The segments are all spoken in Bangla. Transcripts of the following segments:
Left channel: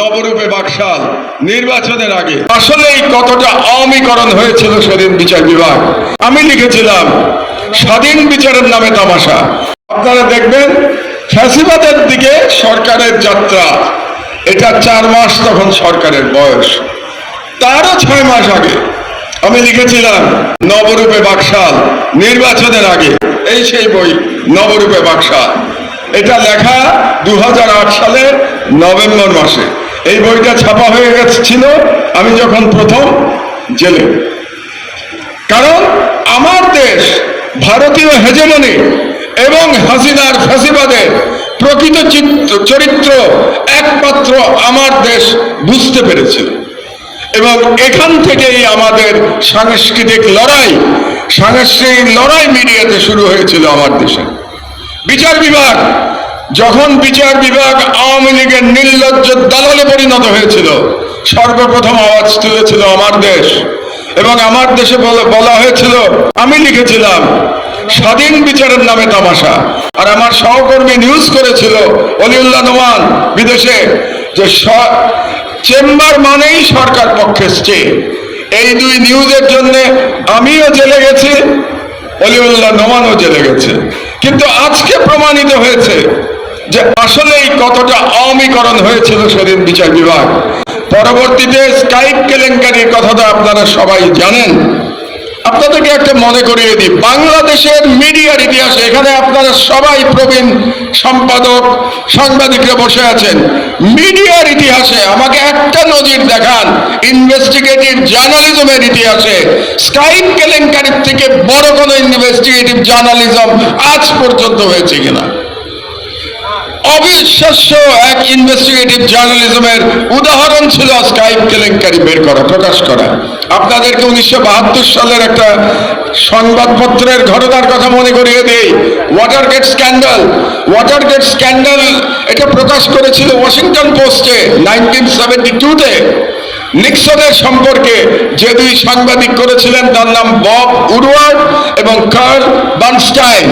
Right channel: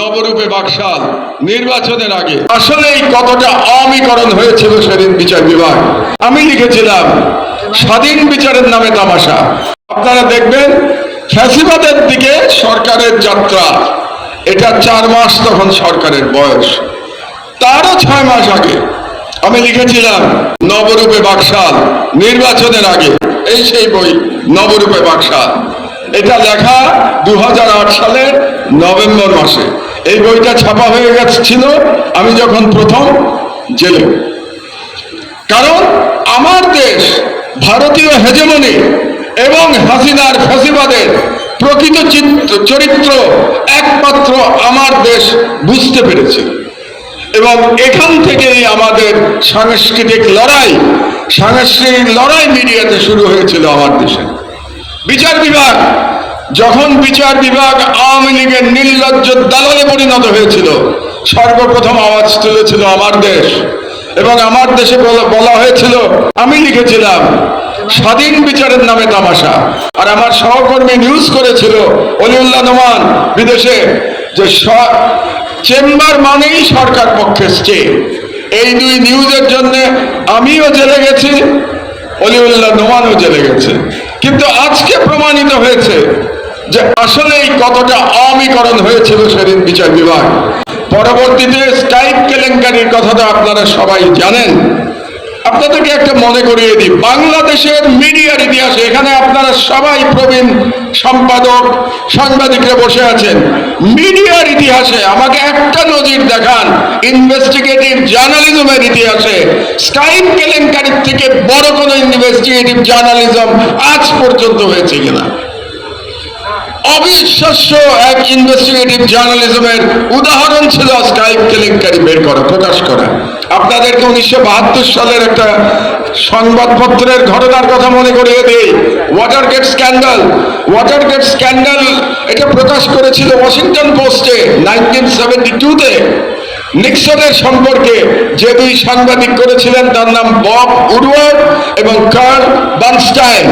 নবরূপে বাকশাল নির্বাচনের আগে। আসলেই কতটা অমীকরণ হয়েছিল সেদিন বিচার বিভাগ। আমি লিখেছিলাম, স্বাধীন বিচারের নামে তামাশা। আপনারা দেখবেন, ফ্যাসিবাদের দিকে সরকারের যাত্রা। এটা চার মাস তখন সরকারের বয়স। তারও ছয় মাস আগে আমি লিখেছিলাম, নবরূপে বাকশাল নির্বাচনের আগে। এই সেই বই, নবরূপে বাকশাল। এটা লেখা দু হাজার আট সালের নভেম্বর মাসে। এই বইটা ছাপা হয়ে গেছিল আমি যখন প্রথম জেলে। কারণ আমার দেশ ভারতীয় হেজেমনি এবং হাসিনার ফ্যাসিবাদের প্রকৃত চরিত্র একমাত্র আমার দেশ বুঝতে পেরেছিল এবং এখান থেকেই আমাদের সাংস্কৃতিক লড়াই সাংস্কৃতিক লড়াই মিডিয়াতে শুরু হয়েছিল আমার দেশে। বিচার বিভাগ যখন বিচার বিভাগ আওয়ামী লীগের নির্লজ্জ দালালে পরিণত হয়েছিল, সর্বপ্রথম আওয়াজ তুলেছিল আমার দেশ। এবং আমার দেশে বলা- হয়েছিল, আমি লিখেছিলাম, স্বাধীন বিচারের নামে তামাশা। আর আমার সহকর্মী নিউজ করেছিল, অলিউল্লাহ নোমান, বিদেশে, যে চেম্বার মানেই সরকার পক্ষে স্টে এই দুই নিউজের জন্য আমিও জেলে গেছি, অলিউল্লাহ নোমানও জেলে গেছে। কিন্তু আজকে প্রমাণিত হয়েছে যে আসলেই কতটা অমীকরণ হয়েছিল সেদিন বিচার বিভাগ। পরবর্তীতে স্কাইপ কেলেঙ্কারির কথাটা আপনারা সবাই জানেন। আপনাদেরকে একটা মনে করিয়ে দিই, বাংলাদেশের মিডিয়ার ইতিহাসে এখানে আপনারা সবাই প্রবীণ সম্পাদক, সাংবাদিকরা বসে আছেন। মিডিয়ার ইতিহাসে আমাকে একটা নজির দেখান ইনভেস্টিগেটিভ জার্নালিজমের ইতিহাসে। স্কাইপ কেলেঙ্কারির থেকে বড় কোনো ইনভেস্টিগেটিভ জার্নালিজম আজ পর্যন্ত হয়েছে কিনা? অবিশ্বাস্য এক ইনভেস্টিগেটিভ জার্নালিজমের উদাহরণ ছিল স্কাইপ কেলেঙ্কারি বের করা, প্রকাশ করা। আপনাদেরকে উনিশশো বাহাত্তর সালের একটা সংবাদপত্রের ঘটনার কথা মনে করিয়ে দেই। Watergate scandal Watergate scandal এটা প্রকাশ করেছিল ওয়াশিংটন পোস্টে নাইনটিন সেভেন্টি টুতে নিক্সনের সম্পর্কে যে দুই সাংবাদিক করেছিলেন, তার নাম বব উডওয়ার্ড এবং Carl Bernstein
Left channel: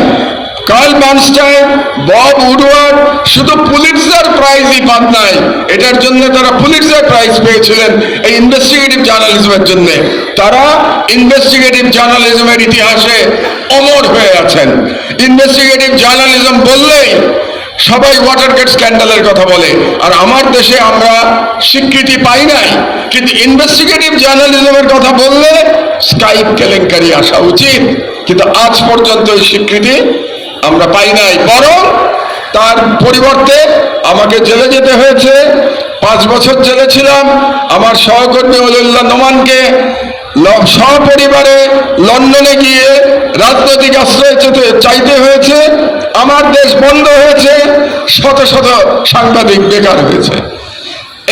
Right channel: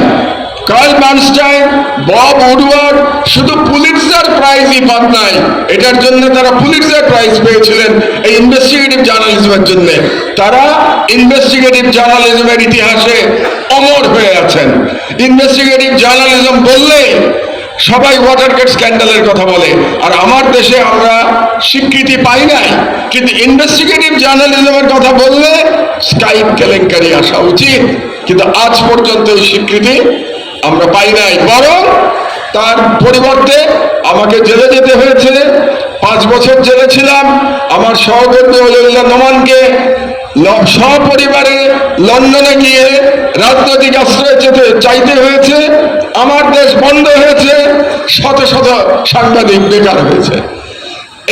Carl Bernstein Bob Woodward শুধু পুলিটজার প্রাইজই পান নাই। এটার জন্য তারা পুলিটজার প্রাইজ পেয়েছিলেন এই ইনভেস্টিগেটিভ জার্নালিজমের জন্য। তারা ইনভেস্টিগেটিভ জার্নালিজমের ইতিহাসে অমর হয়ে আছেন। ইনভেস্টিগেটিভ জার্নালিজম বললেই সবাই ওয়াটারগেট স্ক্যান্ডালের কথা বলে। আর আমার দেশে আমরা স্বীকৃতি পাই নাই। কিন্তু ইনভেস্টিগেটিভ জার্নালিজমের কথা বললে স্কাইপ কেলেঙ্কারি আসা উচিত। কিন্তু আজ পর্যন্ত এই স্বীকৃতি আমরা পাই নাই। বরং তার পরিবর্তে আমাকে জেলে যেতে হয়েছে। পাঁচ বছর জেলে ছিলাম। আমার সহকর্মী অলিউল্লাহ নোমানকে সপরিবারে লন্ডনে গিয়ে রাজনৈতিক আশ্রয় চেতে চাইতে হয়েছে। আমার দেশ বন্ধ হয়েছে। শত শত সাংবাদিক বেকার হয়েছে।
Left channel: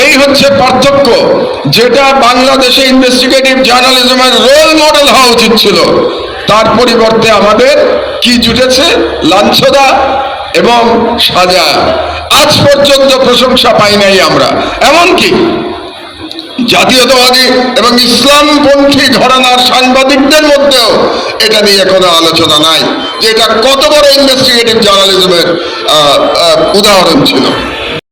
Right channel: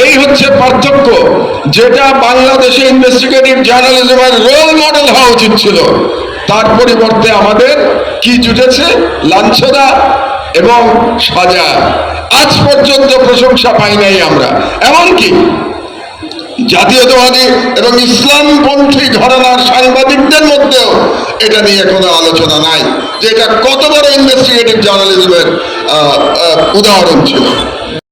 এই হচ্ছে পার্থক্য যেটা বাংলাদেশে ইনভেস্টিগেটিভ জার্নালিজমের রোল মডেল হওয়া উচিত ছিল। তার পরিবর্তে আমাদের কি জুটেছে? লাঞ্ছনা এবং সাজা। আজ পর্যন্ত প্রশংসা পাই নাই আমরা। এমনকি জাতীয়তাবাদী এবং ইসলামপন্থী ঘরানার সাংবাদিকদের মধ্যেও এটা নিয়ে কোনো আলোচনা নাই, যে এটা কত বড় ইনভেস্টিগেটিভ জার্নালিজমের উদাহরণ ছিল।